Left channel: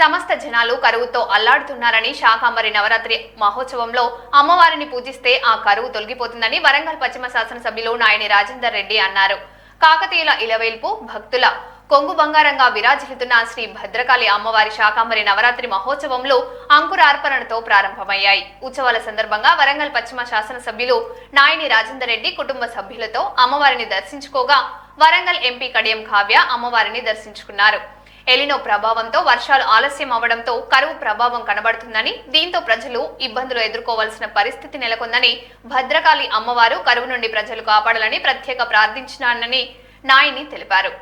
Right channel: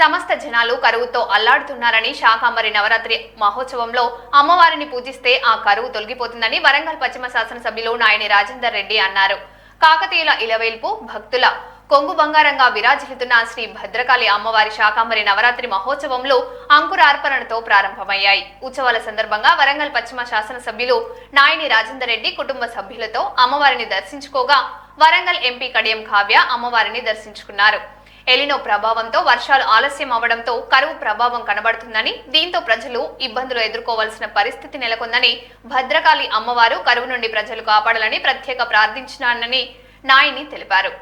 సమస్త జనాలు కరువుతో అల్లాడుతున్నారని శాకాంబరి నవరాత్రి మహోత్సవంలో అమ్మవారిని పూజిస్తే ఆ కరువు తొలగిపోతుందని వరంగల్ పశ్చిమ శాసనసభ్యులు నాయని రాజేందర్ రెడ్డి అన్నారు. కాకతీయుల ఇలవేల్పు భక్తుల కొంగు బంగారంగా విరాజిల్లుతున్న శ్రీ భద్రకాళి అమ్మవారి శాకాంబరి నవరాత్రి మహోత్సవంలో అంకురార్పణతో ప్రారంభమయ్యాయి. ఉత్సవాల సందర్భంగా వరంగల్ పశ్చిమ శాసనసభ్యులు నాయని రాజేందర్ రెడ్డి కుటుంబ సభ్యులతో అమ్మవారిని దర్శించుకోగా వరంగల్ ఎంపీ కడియం కావ్య అమ్మవారిని దర్శించుకున్నారు. ఎలినో ప్రభావంతో వర్షాలు ఆలస్యం అవడంతో కరువు ప్రభావం కనబడుతుందని, దీంతో ప్రజలు ఇబ్బందులు ఎదుర్కోవాల్సిన పరిస్థితి నెలకొందని, భద్రకాళి అమ్మవారు కరువు నుండి ప్రజలు కాపాడాలని ప్రత్యేక ప్రార్థించినానని నాయని తెలిపారు.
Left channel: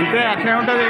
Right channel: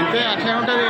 అంతే అట్లే ఉంటుంది.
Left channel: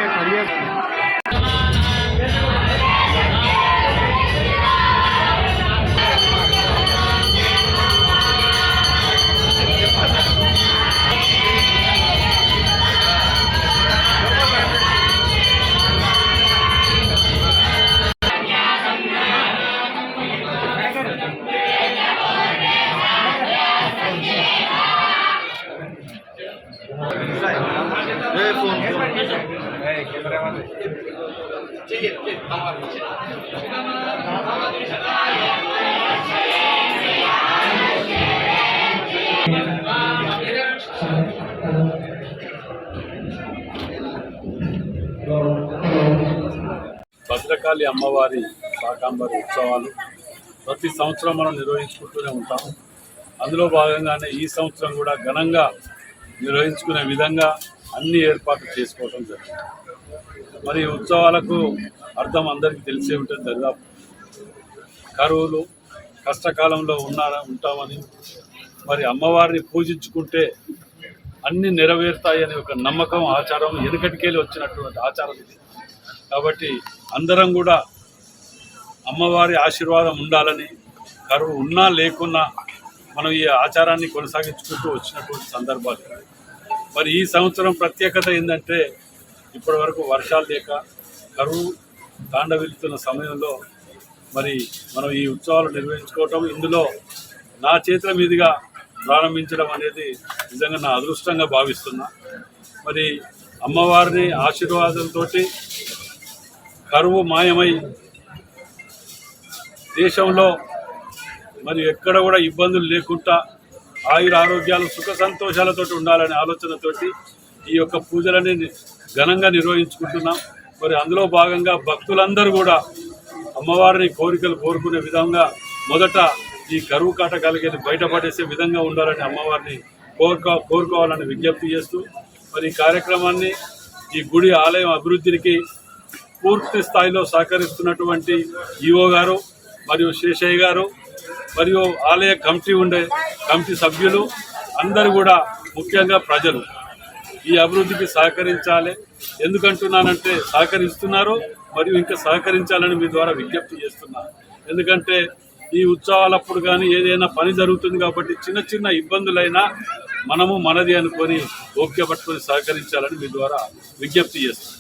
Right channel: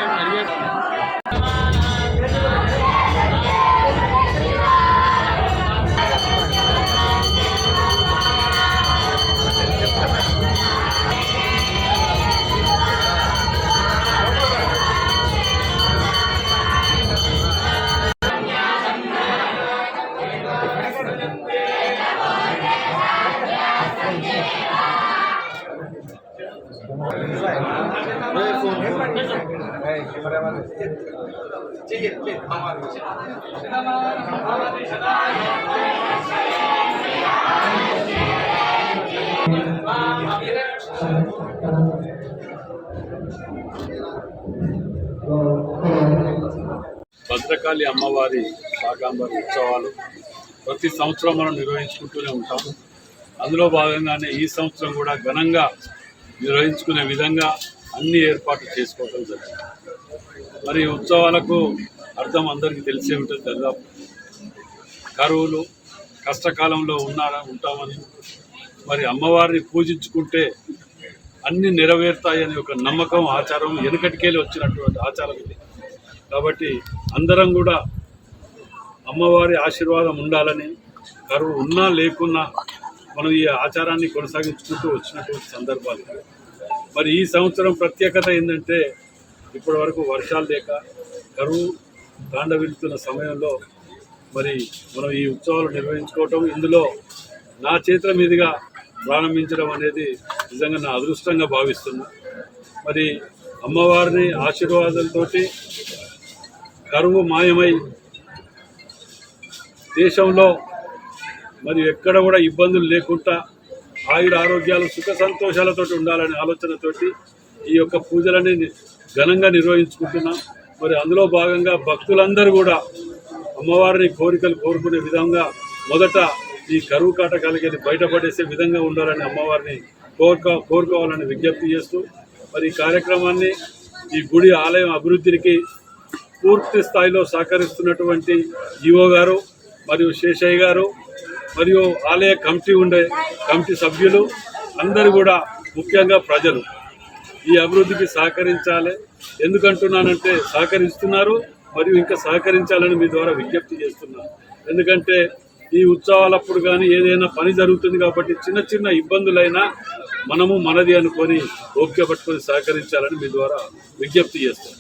భద్రకాళి అమ్మవారి శాకాంబరి ఉత్సవాలు ప్రతి సంవత్సరం మనం నిర్వహించుకుంటూనే ఉంటాం. అందులో భాగంగానే ఈ సంవత్సరం కూడా ఘనంగా నిర్వహించుకునే విధంగా అన్ని ఏర్పాట్లు చేసుకోవడం జరిగింది. మరి ఉత్సవాలకు అర్థం అందరికీ తెలిసే ఉంటుంది. దాదాపు కరువులు కష్టకాలంలో ఉంటామని, మరి అమ్మవారిని పూజించుకుంటే అన్నీ నెరవేరుతాయని ఒక నమ్మకం, ఆచారం వెనుకటికెళ్ళి వచ్చినటువంటి ఆచారం ఇది. కాబట్టి అందరం కూడా అమ్మవారి ఆశీర్వాదం ఉండాలని, కరువు ఉన్నా లేకున్నా మనం ఈ ఆచారాన్ని కొనసాగించుకుంటూ వచ్చినటువంటి సందర్భాలు. మరి ఈ సంవత్సరం ప్రత్యేకత ఏంటంటే, ఇప్పటి వరకు వర్షాలు లేక కరువు తాండవిల్లుతున్న సమయంలో మరి మనం ఈ ఉత్సవాలు నిర్వహించుకోవటం, ఇందులో నా చేతుల మీదుగా ప్రారంభించడం అనేది నిజంగా నా అదృష్టంగా భావిస్తున్నా. మరి అమ్మవారిని ఆశీర్వాదంతో కరువు మాయమై దేశంలో మరి ఎక్కడ కూడా ఇబ్బందులు లేకుండా ఆయుర ఆరోగ్యాలు సుఖ సంతోషాలతో ఉండాలనే ఆలోచనతోటి ఈ యొక్క పూజలని ఘనంగా నిర్వహించుకుంటున్నాం. మరి అందులో భాగంగా భక్తులందరూ కూడా అమ్మవారిని కోరికలు కోరుకునే విధంగా మొదట ఈ కరువు కాటకాలకి బయటపడేసే విధంగా ఉండాలని అమ్మవారిని కోరుకోవాలని విజ్ఞప్తి చేస్తూ మరి ఈ కార్యక్రమాన్ని ఈ గుడి ఆలయం అభివృద్ధికి పూర్తి స్థాయిలో సహకరిస్తున్నటువంటి ఈఓ గారు మరియు శేషయ్య గారు మరియు ఆలయ కమిటీ సభ్యులు అందరూ కూడా, ముఖ్యంగా ప్రజలు ఈ అభివృద్ధికి సహకరించాలి. ఎందుకంటున్నానంటే సహకరిస్తున్నారు మరియు ఇంకా సహకరించాలని మీ ద్వారా విజ్ఞప్తి చేస్తున్నాను. ఎందుకంటే ఈ ఉత్సవాలప్పుడు కానీ ఏదైనా పని జరుగుతుంది కాబట్టి చిన్న చిన్న ఇబ్బందులైనా మనము మనది అనుకొని ఓపిక పట్టుకొని సహకరించాలని మీ ద్వారా విజ్ఞప్తి చేస్తాను.